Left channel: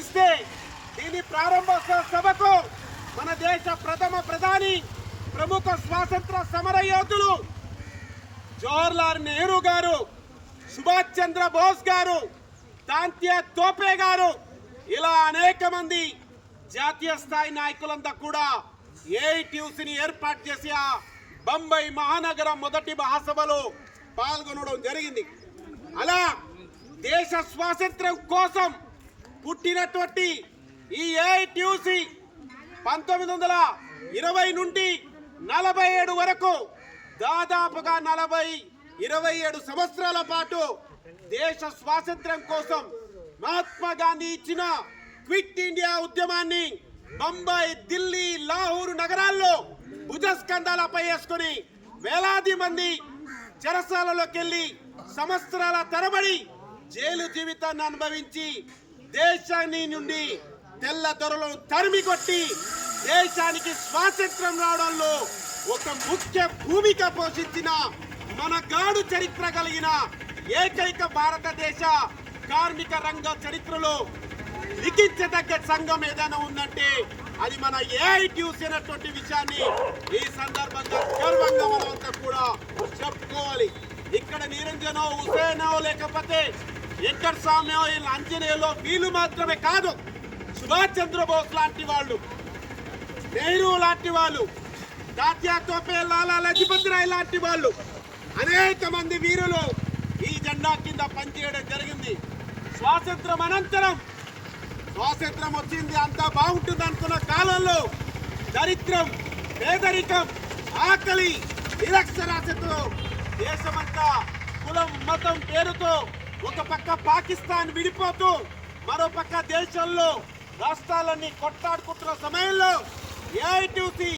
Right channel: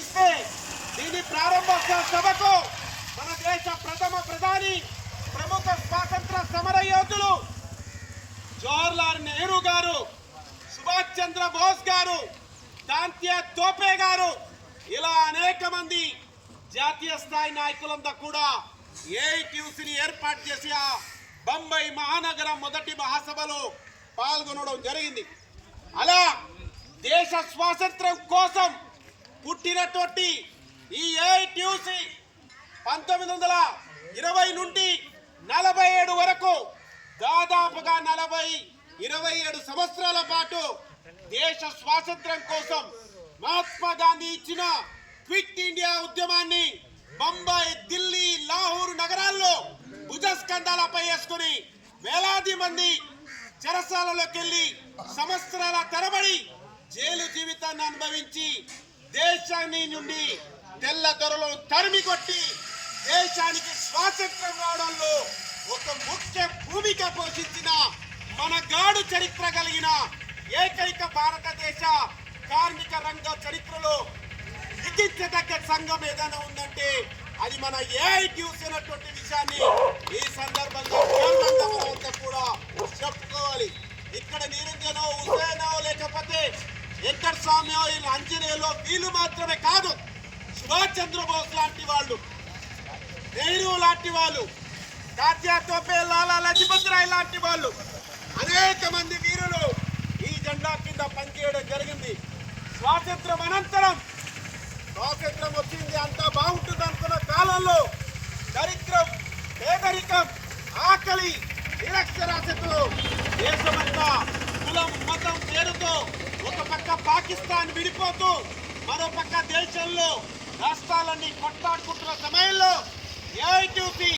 ఇస్తే దీని ప్రారంభ సభకు మన దేశ ప్రథమ ప్రధాని ప్రముఖ స్వాతంత్ర సమర యోధులు జవహర్లాల్ నెహ్రూ గారు సుభాష్ చంద్ర బోస్ గారు తాంత్య తోపే గారు ఇలా అనేక మంది జాతీయ స్థాయి నాయకులంతా కూడా ఏఐటీయూసీని ఏర్పాటు చేసి ఆ బొంబై మహానగరం మొదటి మహాసభలో పాల్గొనడం జరిగింది. అలా దేశ స్వాతంత్రం కోసం పుట్టినటువంటి ఈ ఏఐటిసి పంతొమ్మిది వందల ఇరవై నుండి నలభై ఏడు వరకు దాదాపుగా నలభై ఇరవై ఏడు సంవత్సరాల పాటు దేశ స్వాతంత్ర్యం కోసం మహాత్మా గాంధీ ఇచ్చిన క్విట్ ఇండియా ఉద్యమాన్ని బొంబాయి ఢిల్లీ లాహూరు నగరాల్లో భుజస్కంధాలపై వేసుకుని వేలాది మంది చెరసాలలోకి వెళ్ళి సంవత్సరాల తరబడి జైలు జీవితాన్ని అనుభవించి దేశాన్ని నుండి తెల్ల దొరలను తరిమి కొట్టి దేశానికి స్వాతంత్రం రావడంలో ఒక ముఖ్య భూమిక పోషించిన మన గాడు చరిత్ర కలిగిన ఏకైక భారతదేశ కార్మిక రంగ చరిత్రలో లిఖించదగ్గ సంఘం ఏదైనా ఉందంటే అది మన ఏఐటీయూసీ అన్నటువంటి విషయాన్ని ఈ సందర్భంగా గర్వంగా మనమంతా కూడా చెప్పుకోవాలి. ఇక్కడ నిరంజనో హుసేనో లేకపోతే వెంకట స్వామియో వీళ్ళ అంజనేయులో వీళ్ళు మాత్రమే కాదు సుభాష్ చంద్రబోస్ లాంటి వాళ్ళు నెహ్రూ లాంటి వాళ్ళు తాత్యా తోపే లాలా లజపత్ రాయ్ లాంటి వాళ్ళు అనేక మంది వీరులు ఈ జెండా కింద పనిచేయడం జరిగింది. స్వాతంత్రం అనంతరం స్వాతంత్రం వచ్చింది అంతా బాగుంటుంది అనుకున్న కాలంలో దరిద్రం పేదరికం ఆకలి నిరక్షరాస్యతలో దేశమంతా కులం మతం పేరుతో ఒక పక్క పాకిస్తాన్ విడిపోతూ మరో పక్క దేశంలో రాష్ట్రాలన్నీ కొట్లాడుకుంటున్న సమయంలో ఏఐటీసీ